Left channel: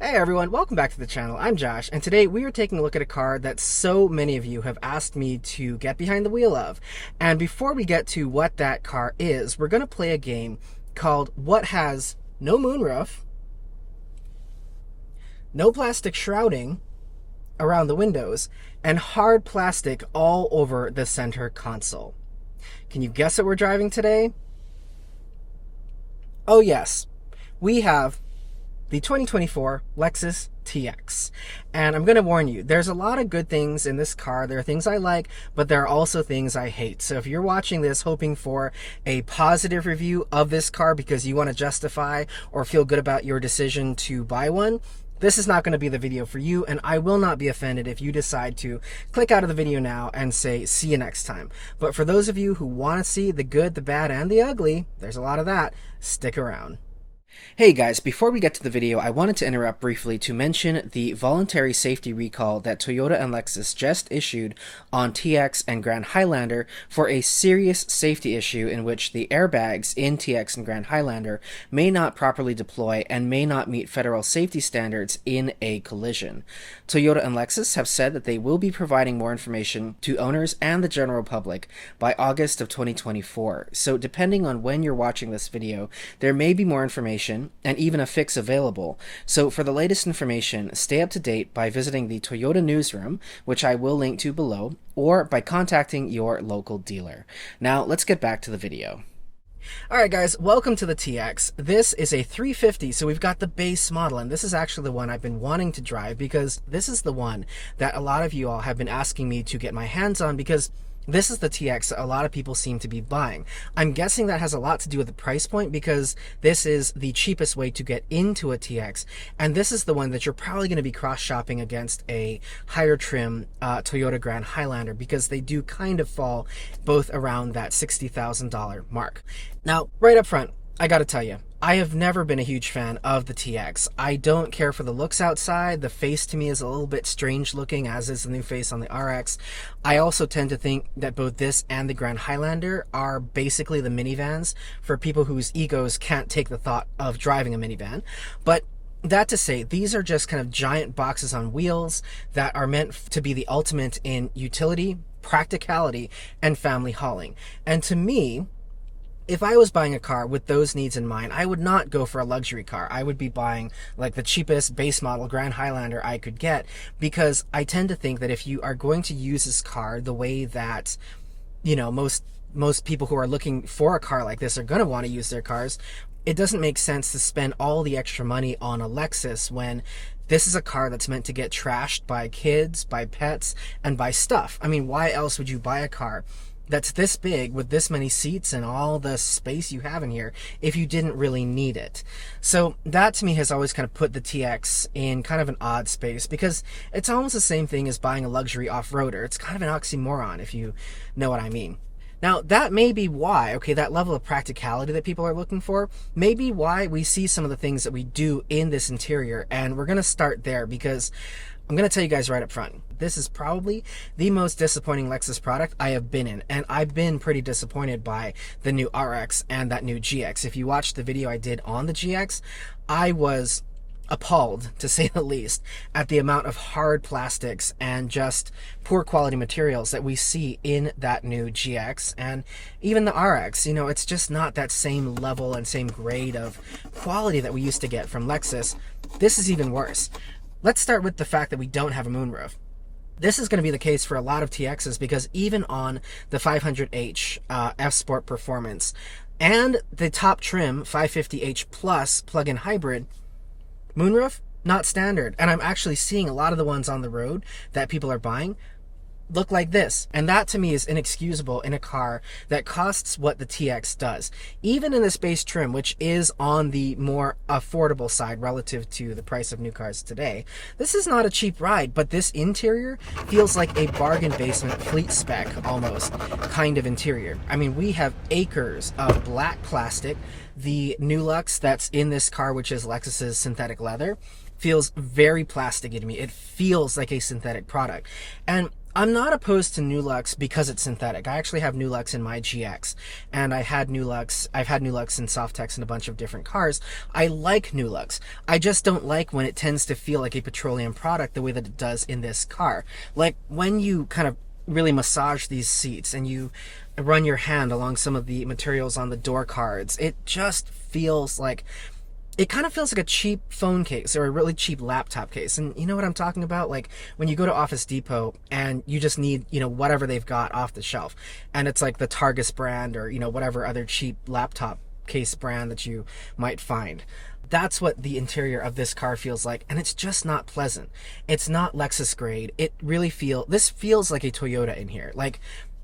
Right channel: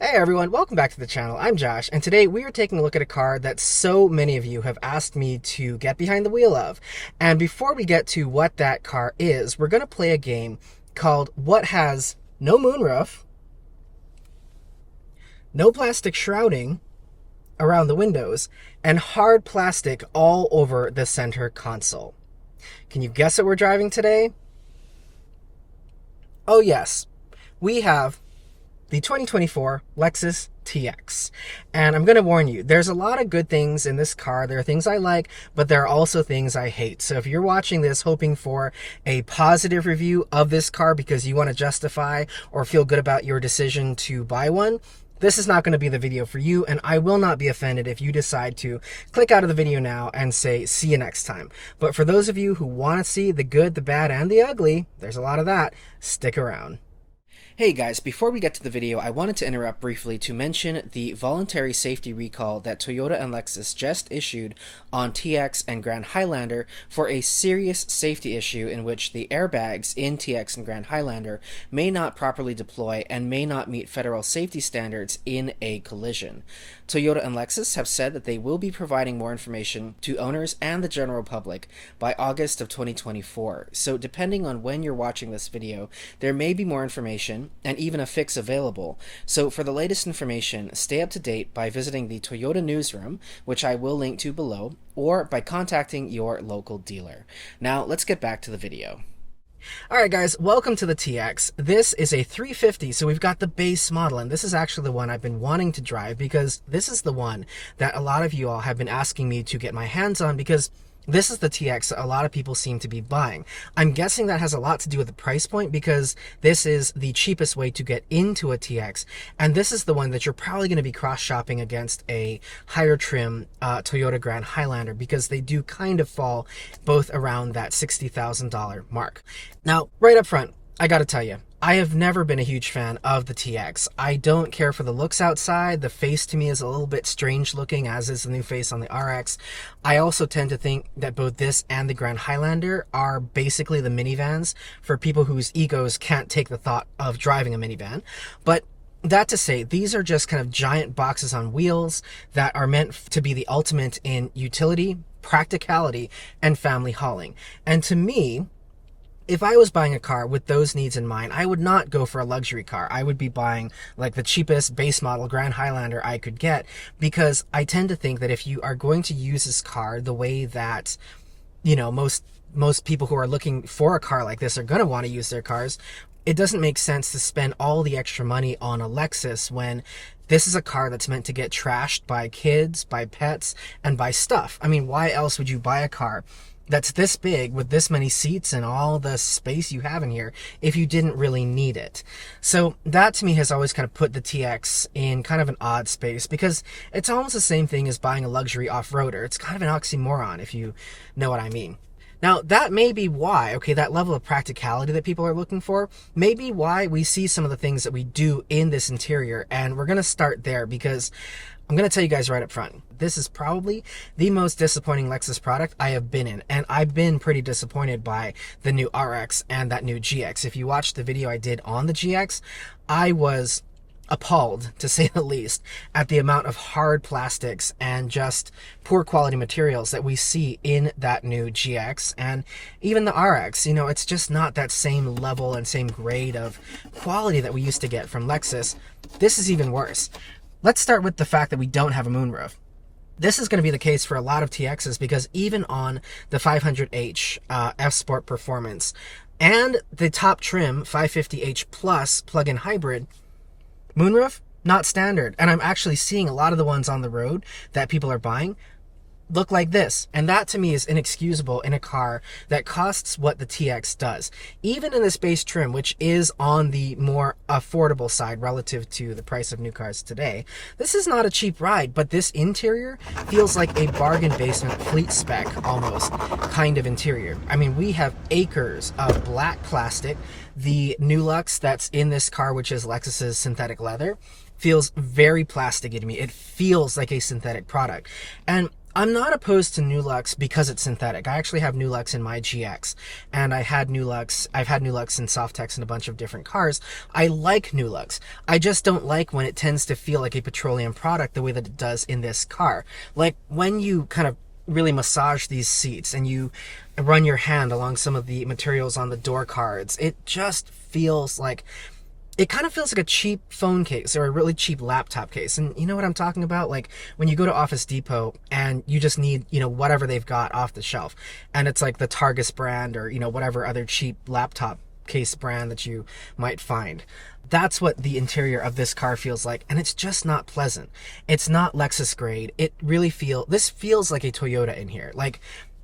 Hey everyone, welcome back to the channel. I'm Josh, and today we are taking a look at a car that so many of you have asked me to get behind the wheel of. And before we get to what that car is, we're going to play a game called What Has No Moonroof, No Plastic Shrouding around the windows, and hard plastic all over the center console. Can you guess what we're driving today? Oh yes, we have the 2024 Lexus TX. And I'm going to warn you, there's a lot of good things in this car. There are things I like, but there are also things I hate. So if you're watching this hoping for a positive review of this car because you want to justify or feel good about your decision to buy one, this is not going to be the video for you, and I will not be offended if you decide to click out of the video now and say, see you next time. But for those of you who want to see the good, the bad, and the ugly, there's a lot of that, stick around. Hey guys, before we get to the video, I wanted to interrupt briefly to mention the voluntary safety recall that Toyota and Lexus just issued on TX and Grand Highlander for a serious safety issue in which the airbags in TX and Grand Highlander may not properly deploy and may not meet federal safety standards in a collision. Toyota and Lexus have said that they will be providing more information to owners and the general public by August of 2024. So depending on when you're watching this video, there may be more information and even a fix available. So for the latest information, stay up to date by visiting the Toyota newsroom, which I will link to below, or by contacting your local dealer. Now let's get back to the video. Alright guys, welcome to the TX. This is a 350, so we've got the base model, and this is actually the one I've been wanting to drive because this is the one that a lot of you all have been asking me to get my hands on because this is the TX that a lot of people seem to be buying. I'm guessing that has a lot to do with the price point because this is the cheapest way to get into a TX, and this is the one that you're probably going to be cross-shopping against a higher trim Toyota Grand Highlander because they do kind of fall both around that $60,000 mark. Now, right up front, I gotta tell you, I have never been a huge fan of the TX. I don't care for the looks outside. The face to me is a little bit strange looking, as is the new face on the RX. I also tend to think that both this and the Grand Highlander are basically the minivans for people whose egos can't take the thought of driving a minivan. But that to say, these are just kind of giant boxes on wheels that are meant to be the ultimate in utility, practicality, and family hauling. And to me, if I was buying a car with those needs in mind, I would not go for a luxury car. I would be buying like the cheapest base model Grand Highlander I could get because I tend to think that if you are going to use this car the way that, you know, most people who are looking for a car like this are going to want to use their cars, it doesn't make sense to spend all the extra money on a Lexus when this is a car that's meant to get trashed by kids, by pets, and by stuff. I mean, why else would you buy a car that's this big with this many seats and all the space you have in here if you didn't really need it? So that to me has always kind of put the TX in kind of an odd space because it's almost the same thing as buying a luxury off-roader. It's kind of an oxymoron if you know what I mean. Now, that may be why, okay, that level of practicality that people are looking for, may be why we see some of the things that we do in this interior, and we're going to start there because I'm going to tell you guys right up front, this is probably the most disappointing Lexus product I have been in, and I've been pretty disappointed by the new RX and that new GX. If you watched the video I did on the GX, I was appalled, to say the least, at the amount of hard plastics and just poor quality materials that we see in that new GX and even the RX. You know, it's just not that same level and same grade of quality that we used to get from Lexus. This is even worse. Let's start with the fact that we don't have a moonroof. This is going to be the case for a lot of TXs because even on the 500H F Sport Performance and the top trim 550H Plus plug-in hybrid, moonroof, not standard. And I'm actually seeing a lot of the ones on the road that people are buying look like this. And that to me is inexcusable in a car that costs what the TX does. Even in this base trim, which is on the more affordable side relative to the price of new cars today, this is not a cheap ride, but this interior feels like a bargain basement fleet spec almost kind of interior. I mean, we have acres of black plastic. The Nulux that's in this car, which is Lexus's synthetic leather, feels very plasticky to me. It feels like a synthetic product. And I'm not opposed to Nulux because it's synthetic. I actually have Nulux in my GX, and I've had Nulux in Softex in a bunch of different cars. I like Nulux. I just don't like when it tends to feel like a petroleum product the way that it does in this car. Like when you kind of really massage these seats and you run your hand along some of the materials on the door cards, it just feels like, it kind of feels like a cheap phone case or a really cheap laptop case. And you know what I'm talking about? Like when you go to Office Depot and you just need, whatever they've got off the shelf, and it's like the Targus brand or, whatever other cheap laptop case brand that you might find. That's what the interior of this car feels like, and it's just not pleasant. It's not Lexus grade. This feels like a Toyota in here. Like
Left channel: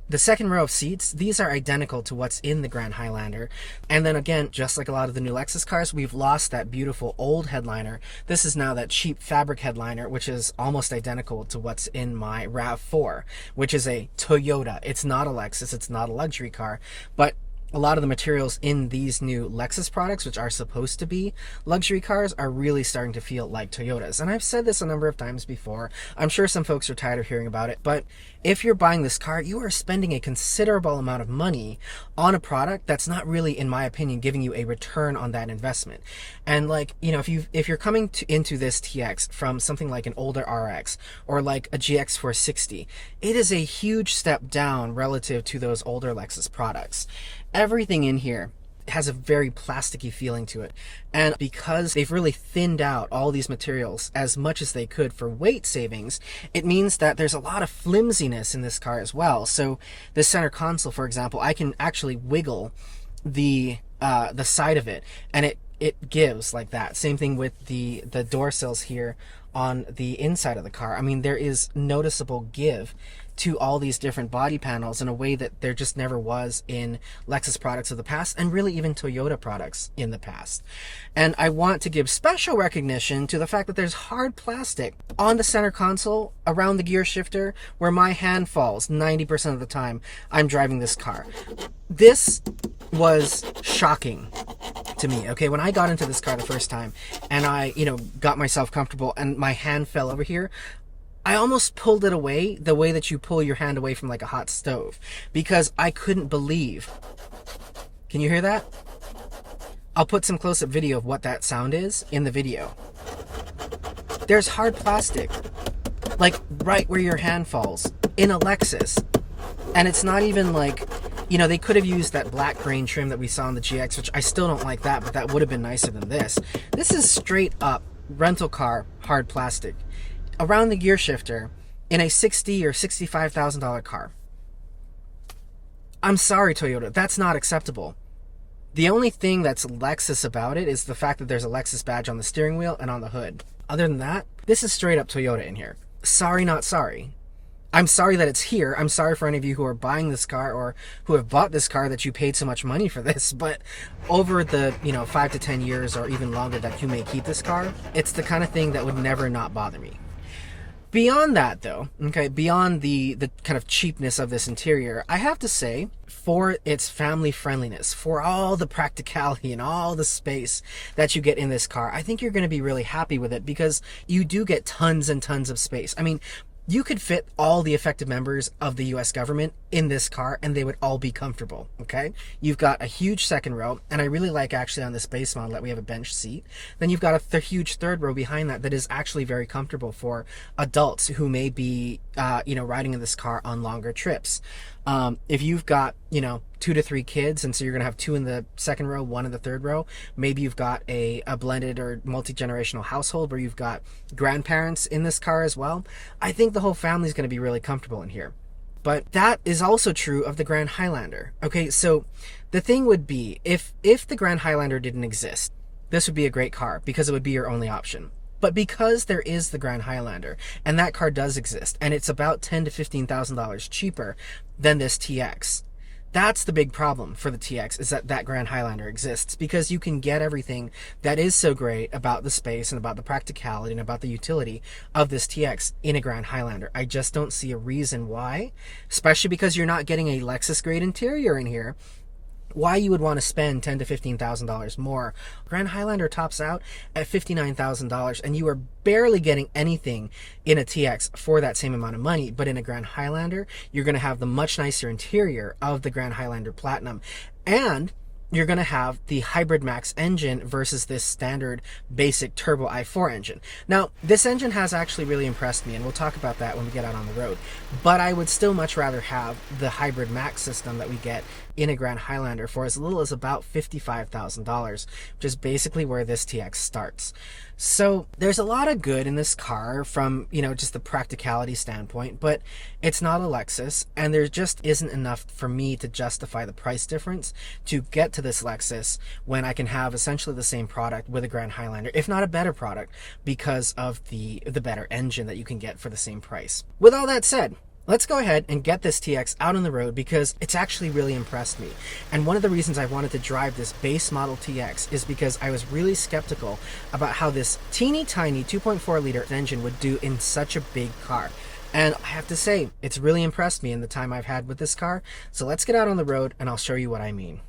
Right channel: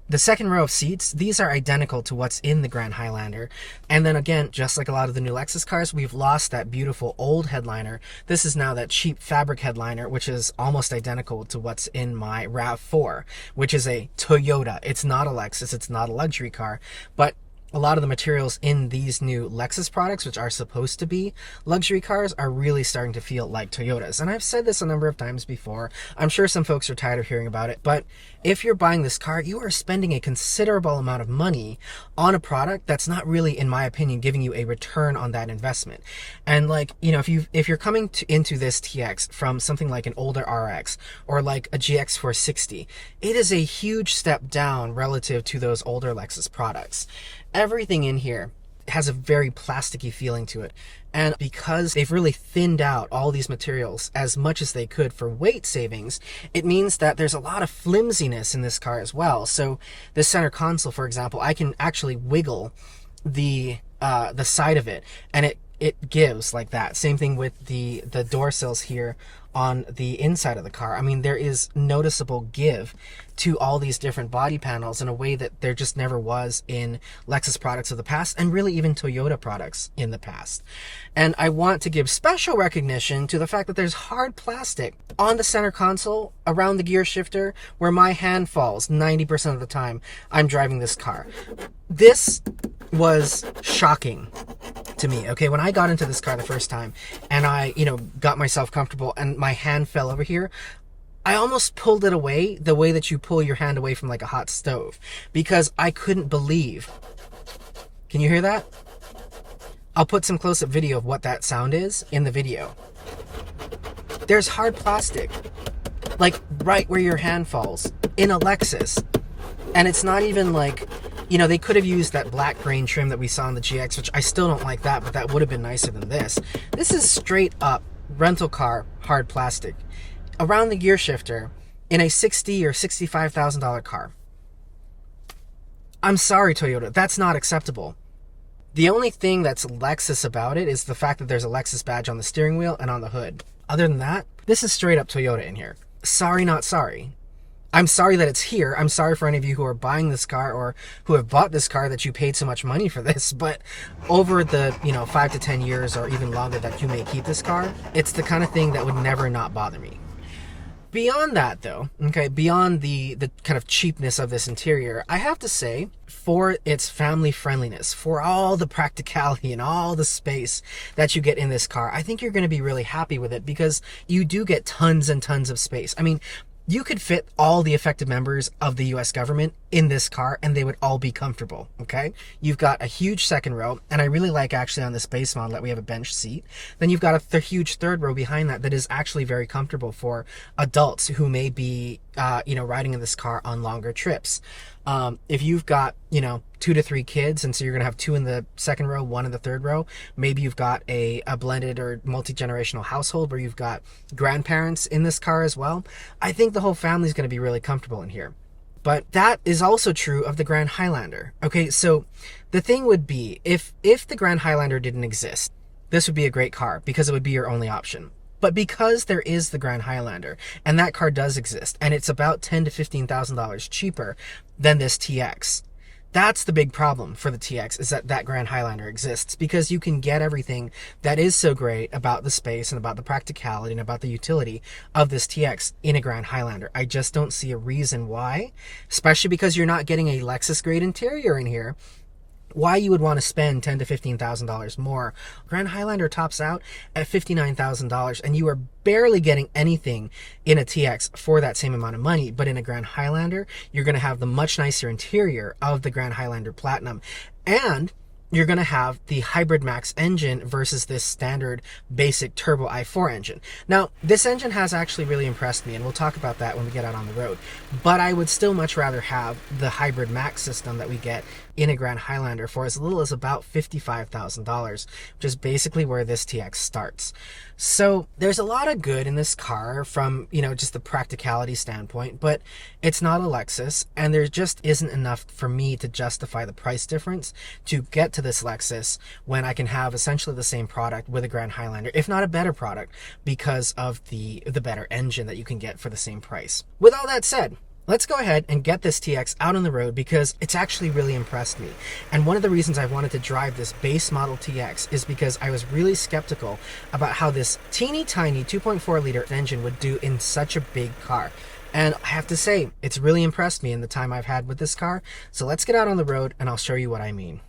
the second row of seats, these are identical to what's in the Grand Highlander. And then again, just like a lot of the new Lexus cars, we've lost that beautiful old headliner. This is now that cheap fabric headliner, which is almost identical to what's in my RAV4, which is a Toyota. It's not a Lexus, it's not a luxury car, but a lot of the materials in these new Lexus products, which are supposed to be luxury cars, are really starting to feel like Toyotas. And I've said this a number of times before. I'm sure some folks are tired of hearing about it, but if you're buying this car, you are spending a considerable amount of money on a product that's not really, in my opinion, giving you a return on that investment. And like, if you're coming into this TX from something like an older RX or like a GX460, it is a huge step down relative to those older Lexus products. Everything in here has a very plasticky feeling to it. And because they've really thinned out all these materials as much as they could for weight savings, it means that there's a lot of flimsiness in this car as well. So the center console, for example, I can actually wiggle the side of it, and it gives like that. Same thing with the door sills here on the inside of the car. I mean, there is noticeable give to all these different body panels in a way that there just never was in Lexus products of the past, and really even Toyota products in the past. And I want to give special recognition to the fact that there's hard plastic on the center console around the gear shifter where my hand falls 90% of the time I'm driving this car. This was shocking to me. Okay, when I got into this car the first time and I, got myself comfortable and my hand fell over here, I almost pulled it away the way that you pull your hand away from like a hot stove, because I couldn't believe. Can you hear that? I'll put some close-up video of what that sound is in the video. There's hard plastic, like right where your hand falls in a Lexus. And it's not even like, they could have used that black grain trim that we saw in the GX, which I still don't like that, but that would have been nicer than this. This is straight up rental car hard plastic around the gear shifter in a $60,000 or $65,000 car. I'm sorry, Toyota, that's not acceptable. The only thing that's Lexus about it is the fact that there's a Lexus badge on the steering wheel and on the hood. Other than that, this is straight up Toyota in here. Sorry, not sorry. I'm sorry that it's here. I'm sorry for any of you who are buying this car or who have bought this car that you paid so much money for this. But over the 5 to 10 years or even longer that you may keep this car, it's the kind of thing that would never not bother me. Beyond that, though, okay, beyond the kind of cheapness of this interior, I have to say, for its family friendliness, for all the practicality and all the space that you get in this car, I think you're going to be really happy with it, because you do get tons and tons of space. I mean, you could fit all the effective members of the US government in this car and they would all be comfortable, okay? You've got a huge second row, and I really like actually on this base model that we have a bench seat. Then you've got a huge third row behind that is actually very comfortable for adults who may be, riding in this car on longer trips. If you've got, 2 to 3 kids, and so you're going to have 2 in the second row, 1 in the third row, maybe you've got a blended or multi-generational household where you've got grandparents in this car as well, I think the whole family is going to be really comfortable in here. But that is also true of the Grand Highlander. Okay, so the thing would be, if the Grand Highlander didn't exist, this would be a great car because it would be your only option. But because there is the Grand Highlander, and that car does exist, and it's about $10,000 to $15,000 cheaper than this TX, that's the big problem for the TX, is that Grand Highlander exists, because you can get everything that is so great about the space and about the practicality and about the utility of this TX in a Grand Highlander. I just don't see a reason why, especially because you're not getting a Lexus grade interior in here. why you would want to spend $10,000 to $15,000 more. Grand Highlander tops out at $59,000, and you are barely getting anything in a TX for that same amount of money. But in a Grand Highlander, you're going to have the much nicer interior of the Grand Highlander Platinum, and you're going to have the Hybrid Max engine versus this standard basic turbo i4 engine. Now, this engine has actually really impressed me, and we'll talk about that when we get out on the road. But I would still much rather have the Hybrid Max system that we get in a Grand Highlander for as little as about $55,000, which is basically where this TX starts. So there's a lot of good in this car from, just the practicality standpoint, but it's not a Lexus, and there just isn't enough for me to justify the price difference to get to this Lexus when I can have essentially the same product with a Grand Highlander, if not a better product, because of the better engine that you can get for the same price. With all that said, let's go ahead and get this TX out on the road because it's actually really impressed me. And one of the reasons I wanted to drive this base model TX is because I was really skeptical about how this teeny tiny 2.4 liter engine would do in such a big car. And I have to say, it's really impressed me in the time I've had with this car. So let's get out on the road and I'll show you what I mean.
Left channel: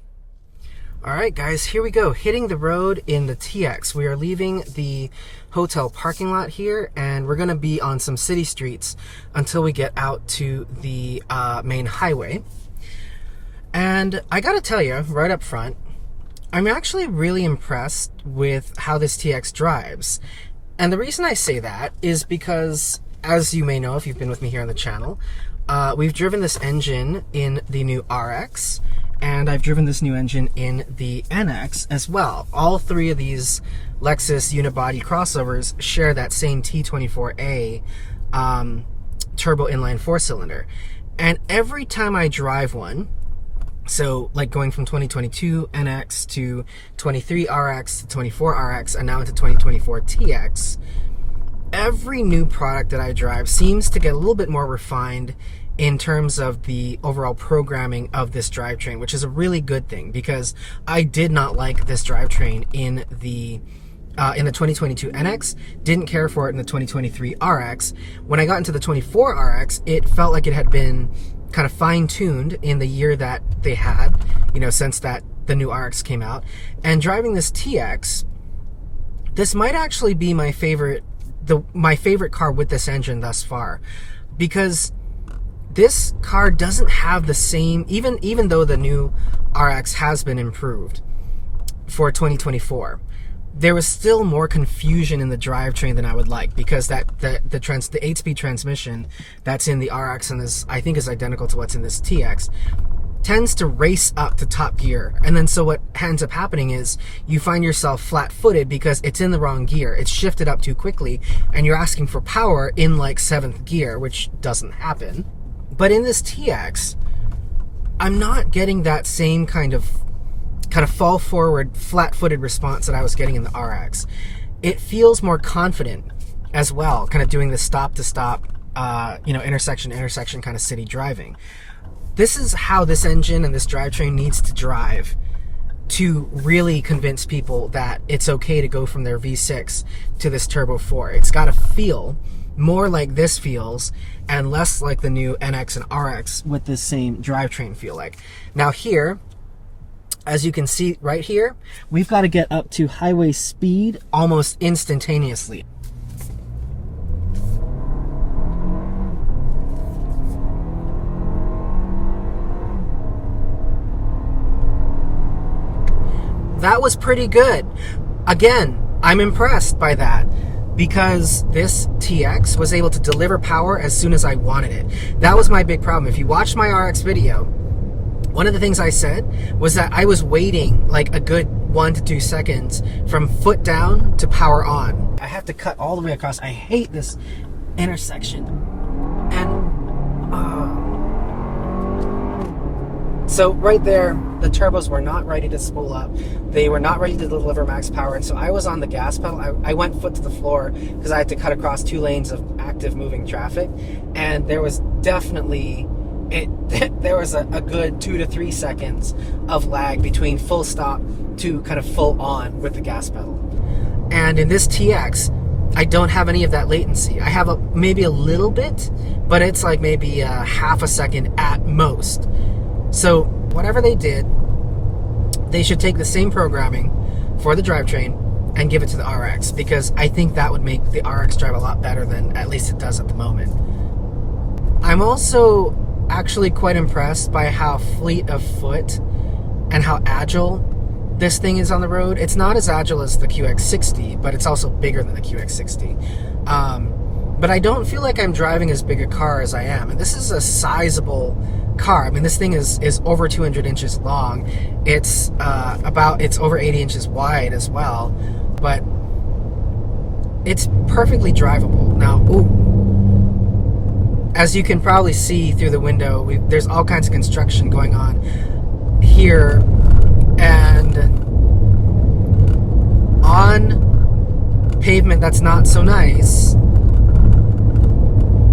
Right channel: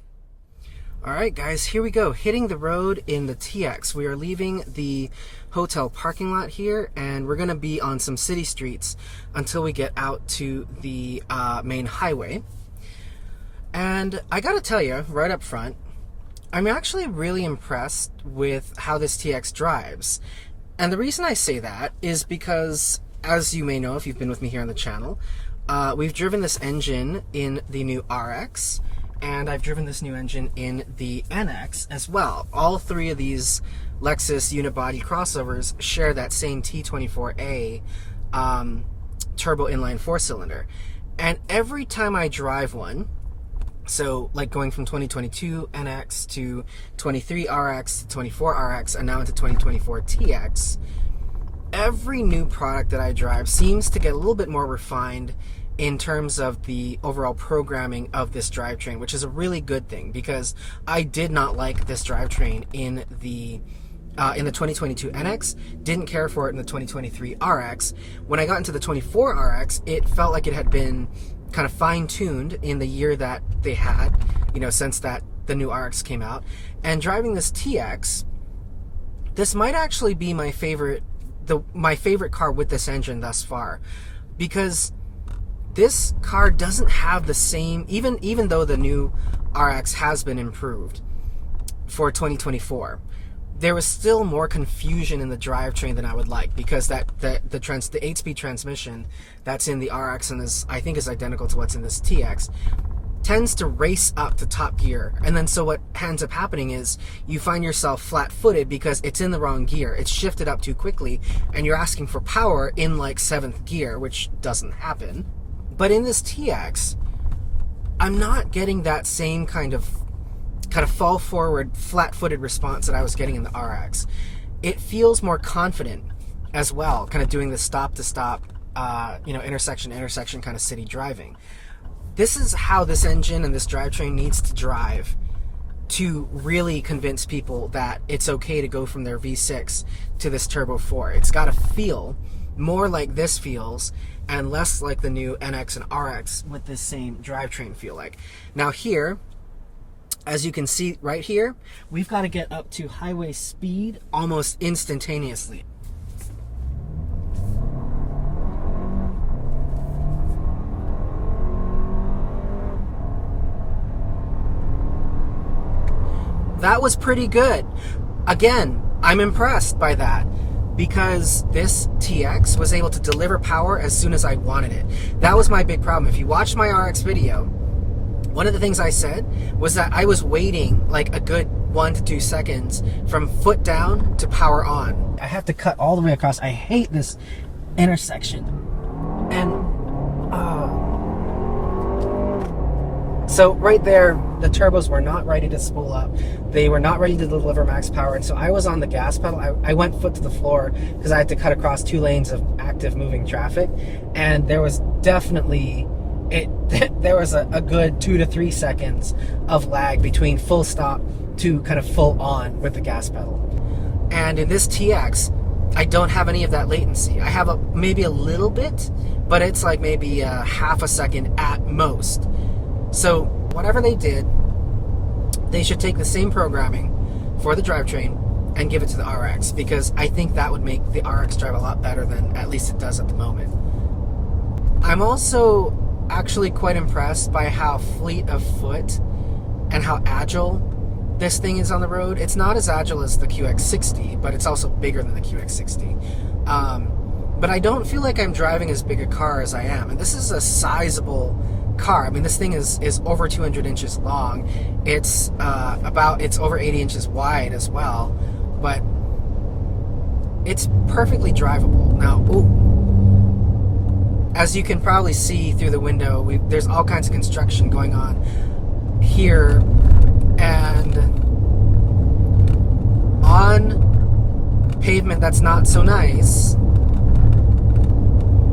All right, guys, here we go. Hitting the road in the TX. We are leaving the hotel parking lot here, and we're going to be on some city streets until we get out to the main highway. And I got to tell you, right up front, I'm actually really impressed with how this TX drives. And the reason I say that is because, as you may know if you've been with me here on the channel, we've driven this engine in the new RX, and I've driven this new engine in the NX as well. All three of these Lexus unibody crossovers share that same T24A turbo inline four-cylinder. And every time I drive one, so like going from 2022 NX to 23 RX to 24 RX and now into 2024 TX, every new product that I drive seems to get a little bit more refined in terms of the overall programming of this drivetrain, which is a really good thing because I did not like this drivetrain in the 2022 NX, didn't care for it in the 2023 RX. When I got into the 24 RX, it felt like it had been kind of fine-tuned in the year that they had, since that the new RX came out. And driving this TX, this might actually be my favorite car with this engine thus far, because this car doesn't have the same, even though the new RX has been improved for 2024, there was still more confusion in the drivetrain than I would like, because the 8-speed transmission that's in the RX and I think is identical to what's in this TX tends to race up to top gear. And then so what ends up happening is you find yourself flat-footed because it's in the wrong gear. It's shifted up too quickly and you're asking for power in like 7th gear, which doesn't happen. But in this TX, I'm not getting that same kind of fall forward, flat-footed response that I was getting in the RX. It feels more confident as well, kind of doing the stop-to-stop, intersection kind of city driving. This is how this engine and this drivetrain needs to drive to really convince people that it's okay to go from their V6 to this Turbo 4. It's got to feel more like this feels and less like the new NX and RX with this same drivetrain feel like. Now here, as you can see right here, we've got to get up to highway speed almost instantaneously. That was pretty good. Again, I'm impressed by that because this TX was able to deliver power as soon as I wanted it. That was my big problem. If you watched my RX video, one of the things I said was that I was waiting like a good 1 to 2 seconds from foot down to power on. I have to cut all the way across. I hate this intersection. And so right there, the turbos were not ready to spool up. They were not ready to deliver max power. And so I was on the gas pedal. I went foot to the floor because I had to cut across 2 lanes of active moving traffic. And there was definitely, there was a good 2 to 3 seconds of lag between full stop to kind of full on with the gas pedal. And in this TX, I don't have any of that latency. I have maybe a little bit, but it's like maybe a half a second at most. So whatever they did They should take the same programming for the drivetrain and give it to the RX, because I think that would make the RX drive a lot better than at least it does at the moment. I'm also actually quite impressed by how fleet of foot and how agile this thing is on the road. It's not as agile as the QX60, but it's also bigger than the QX60. But I don't feel like I'm driving as big a car as I am. And this is a sizable car. I mean, this thing is over 200 inches long. It's over 80 inches wide as well. But it's perfectly drivable. Now, as you can probably see through the window, there's all kinds of construction going on here, and on pavement that's not so nice,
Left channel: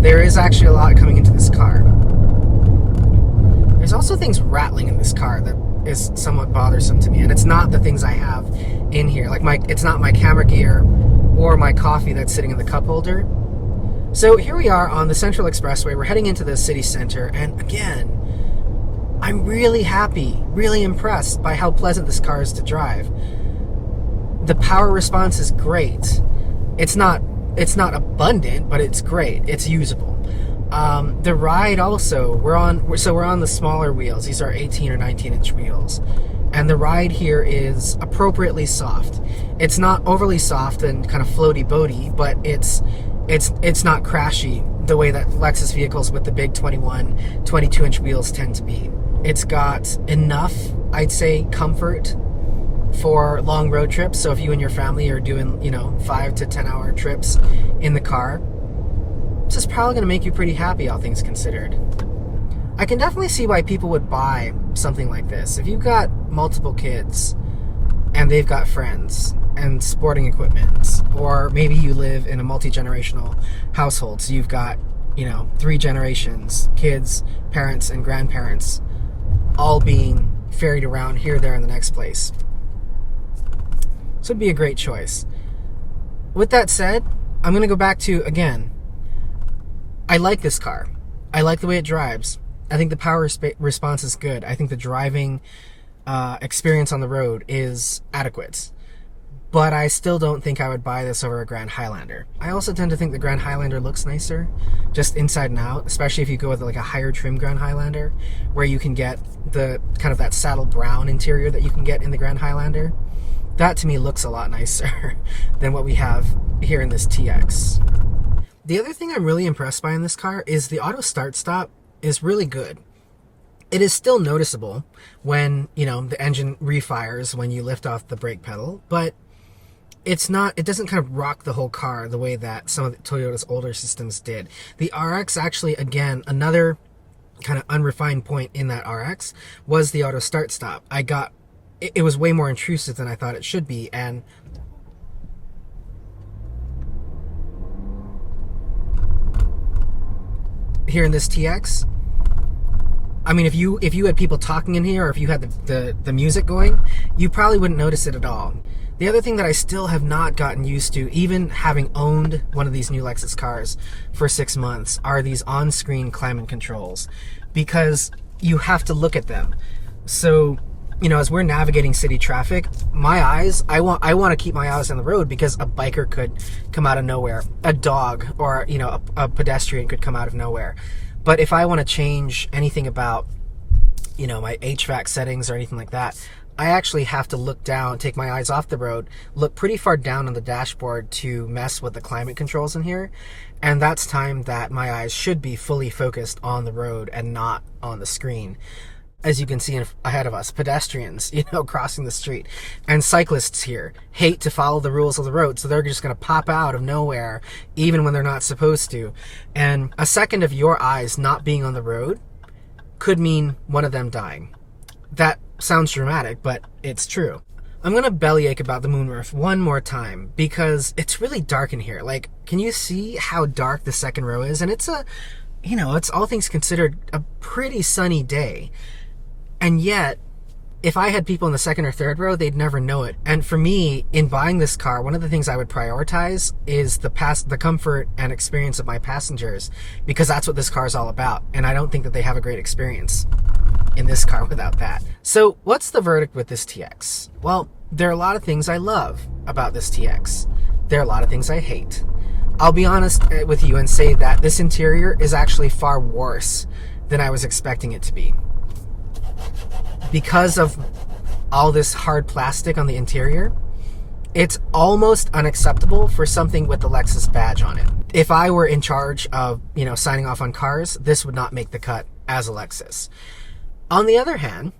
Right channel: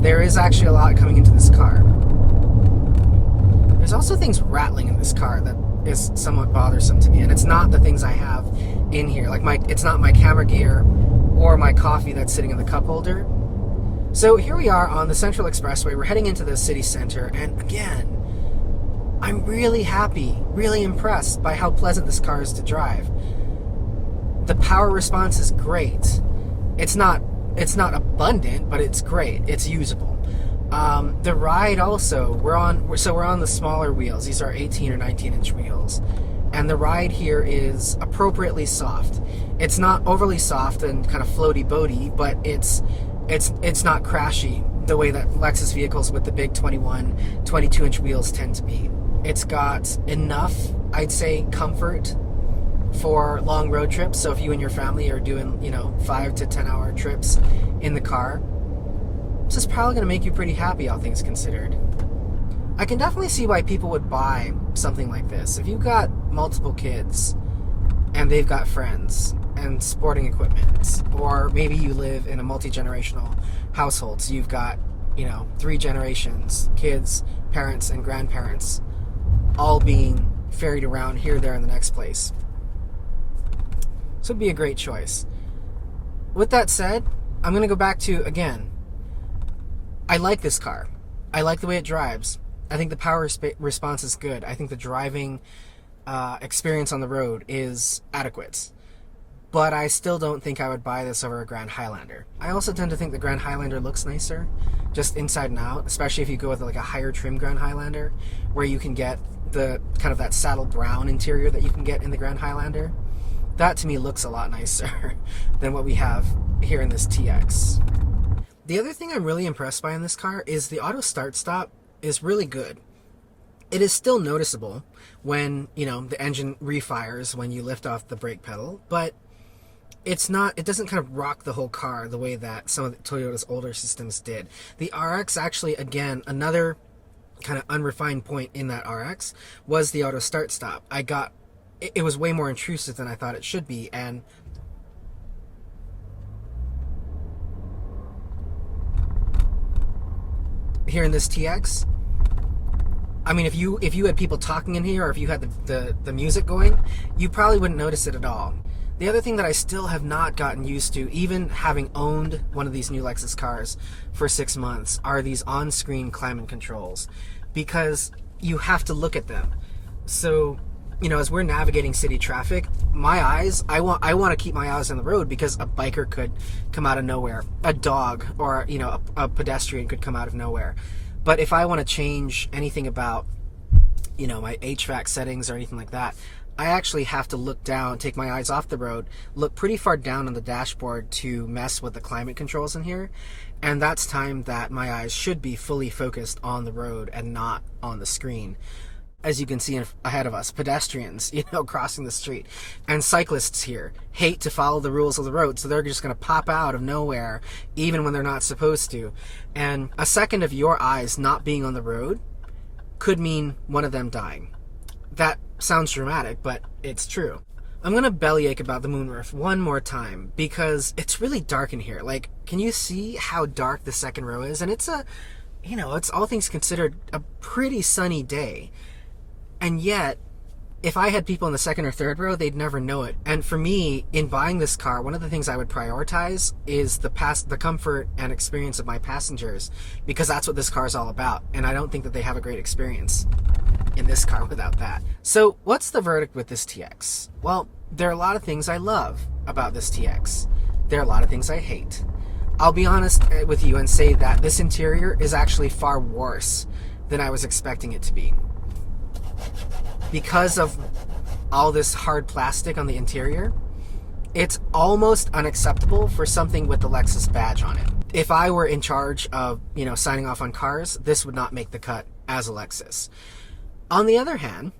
there is actually a lot coming into this car. There's also things rattling in this car that is somewhat bothersome to me, and it's not the things I have in here. Like it's not my camera gear or my coffee that's sitting in the cup holder. So here we are on the Central Expressway. We're heading into the city center, and again, I'm really happy, really impressed by how pleasant this car is to drive. The power response is great. It's not abundant, but it's great. It's usable. The ride also, we're on the smaller wheels. These are 18 or 19 inch wheels, and the ride here is appropriately soft. It's not overly soft and kind of floaty boaty, but it's not crashy the way that Lexus vehicles with the big 21, 22 inch wheels tend to be. It's got enough, I'd say, comfort for long road trips. So if you and your family are doing, 5 to 10 hour trips in the car, this is probably going to make you pretty happy, all things considered. I can definitely see why people would buy something like this. If you've got multiple kids and they've got friends and sporting equipment, or maybe you live in a multi-generational household, so you've got 3 generations, kids, parents, and grandparents, all being ferried around here, there, and the next place. So it'd be a great choice. With that said, I'm going to go back to, again, I like this car. I like the way it drives. I think the power response is good. I think the driving experience on the road is adequate. But I still don't think I would buy this over a Grand Highlander. I also tend to think the Grand Highlander looks nicer, just inside and out, especially if you go with like a higher trim Grand Highlander, where you can get the kind of that saddle brown interior that you can get in the Grand Highlander. That to me looks a lot nicer than what we have here in this TX. The other thing I'm really impressed by in this car is the auto start-stop is really good. It is still noticeable when, the engine refires when you lift off the brake pedal, but it doesn't kind of rock the whole car the way that some of the Toyota's older systems did. The RX actually, again, another kind of unrefined point in that RX was the auto start-stop. It was way more intrusive than I thought it should be, and here in this TX, I mean, if you had people talking in here, or if you had the music going, you probably wouldn't notice it at all. The other thing that I still have not gotten used to, even having owned one of these new Lexus cars for 6 months, are these on-screen climate controls, because you have to look at them. So, as we're navigating city traffic, my eyes, I want to keep my eyes on the road, because a biker could come out of nowhere, a dog, or a pedestrian could come out of nowhere. But if I want to change anything about my HVAC settings or anything like that, I actually have to look down, take my eyes off the road, look pretty far down on the dashboard to mess with the climate controls in here. And that's time that my eyes should be fully focused on the road and not on the screen. As you can see ahead of us, pedestrians, crossing the street, and cyclists here hate to follow the rules of the road, so they're just going to pop out of nowhere, even when they're not supposed to. And a second of your eyes not being on the road could mean one of them dying. That sounds dramatic, but it's true. I'm going to bellyache about the moonroof one more time, because it's really dark in here. Like, can you see how dark the second row is? And it's it's all things considered a pretty sunny day. And yet, if I had people in the second or third row, they'd never know it. And for me, in buying this car, one of the things I would prioritize is the comfort and experience of my passengers, because that's what this car is all about. And I don't think that they have a great experience in this car without that. So what's the verdict with this TX? Well, there are a lot of things I love about this TX. There are a lot of things I hate. I'll be honest with you and say that this interior is actually far worse than I was expecting it to be. Because of all this hard plastic on the interior, it's almost unacceptable for something with the Lexus badge on it. If I were in charge of, signing off on cars, this would not make the cut as a Lexus. On the other hand,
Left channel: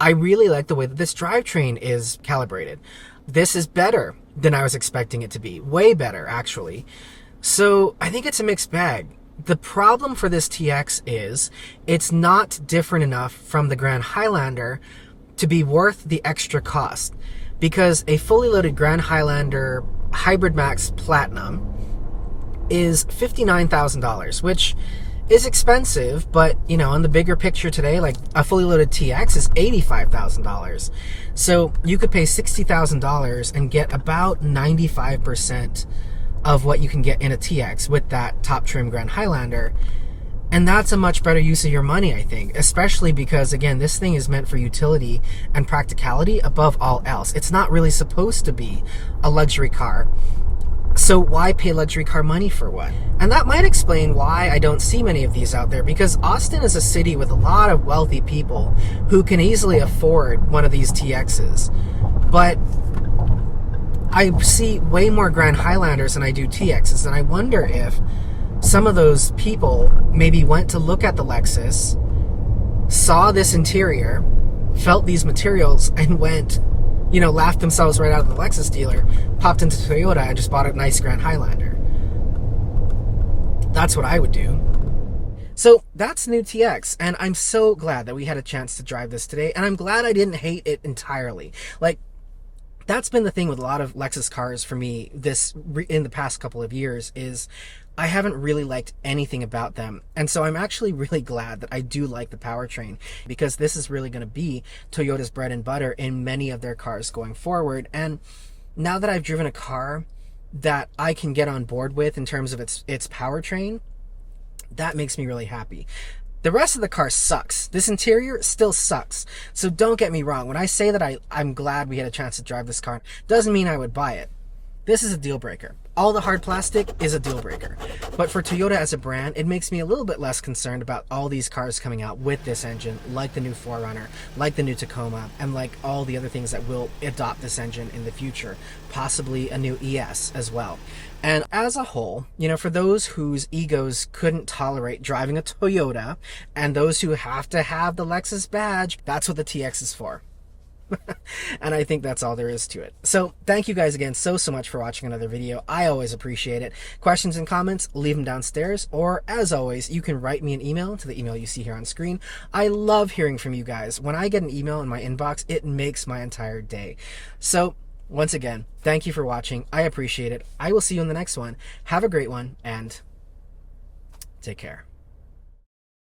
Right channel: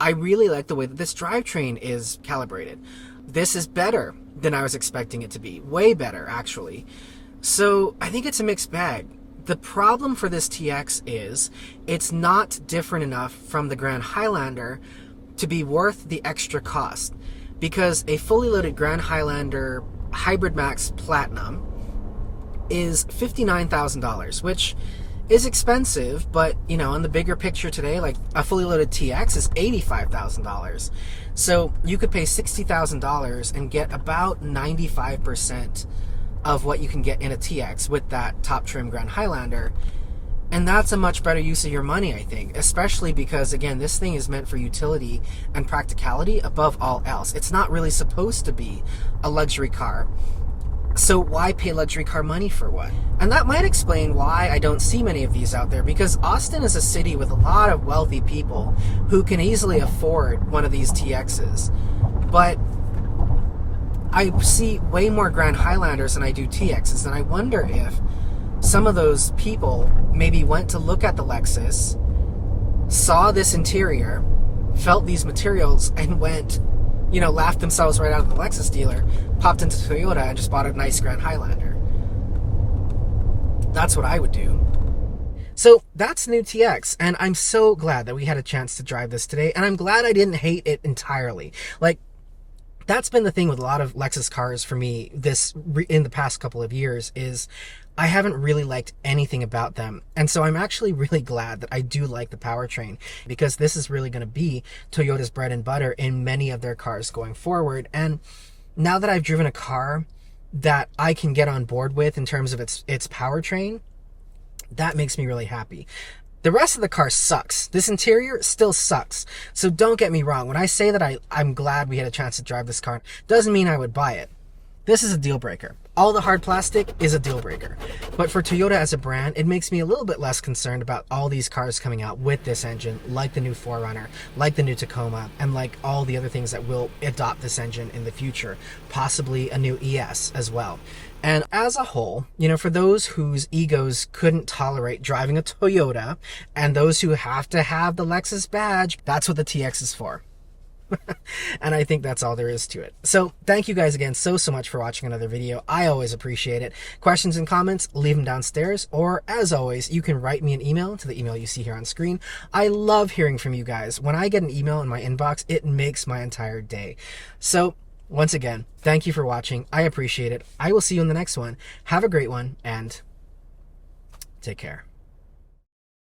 I really like the way that this drivetrain is calibrated. This is better than I was expecting it to be. Way better, actually. So I think it's a mixed bag. The problem for this TX is it's not different enough from the Grand Highlander to be worth the extra cost, because a fully loaded Grand Highlander Hybrid Max Platinum is $59,000, which is expensive, but on the bigger picture today, like a fully loaded TX is $85,000. So you could pay $60,000 and get about 95% of what you can get in a TX with that top trim Grand Highlander. And that's a much better use of your money, I think, especially because, again, this thing is meant for utility and practicality above all else. It's not really supposed to be a luxury car. So why pay luxury car money for what? And that might explain why I don't see many of these out there, because Austin is a city with a lot of wealthy people who can easily afford one of these TXs. But I see way more Grand Highlanders than I do TXs, and I wonder if some of those people maybe went to look at the Lexus, saw this interior, felt these materials, and went, laughed themselves right out of the Lexus dealer, popped into Toyota, and just bought a nice Grand Highlander. That's what I would do. So that's the new TX, and I'm so glad that we had a chance to drive this today, and I'm glad I didn't hate it entirely. Like, that's been the thing with a lot of Lexus cars for me in the past couple of years, is I haven't really liked anything about them. And so I'm actually really glad that I do like the powertrain, because this is really going to be Toyota's bread and butter in many of their cars going forward. And now that I've driven a car that I can get on board with in terms of its powertrain, that makes me really happy. The rest of the car sucks. This interior still sucks. So don't get me wrong. When I say that I'm glad we had a chance to drive this car, doesn't mean I would buy it. This is a deal breaker. All the hard plastic is a deal breaker. But for Toyota as a brand, it makes me a little bit less concerned about all these cars coming out with this engine, like the new 4Runner, like the new Tacoma, and like all the other things that will adopt this engine in the future, possibly a new ES as well. And as a whole, for those whose egos couldn't tolerate driving a Toyota, and those who have to have the Lexus badge, that's what the TX is for. And I think that's all there is to it. So thank you guys again so much for watching another video. I always appreciate it. Questions and comments, leave them downstairs, or as always, you can write me an email to the email you see here on screen. I love hearing from you guys. When I get an email in my inbox, it makes my entire day. So once again, thank you for watching. I appreciate it. I will see you in the next one. Have a great one, and take care.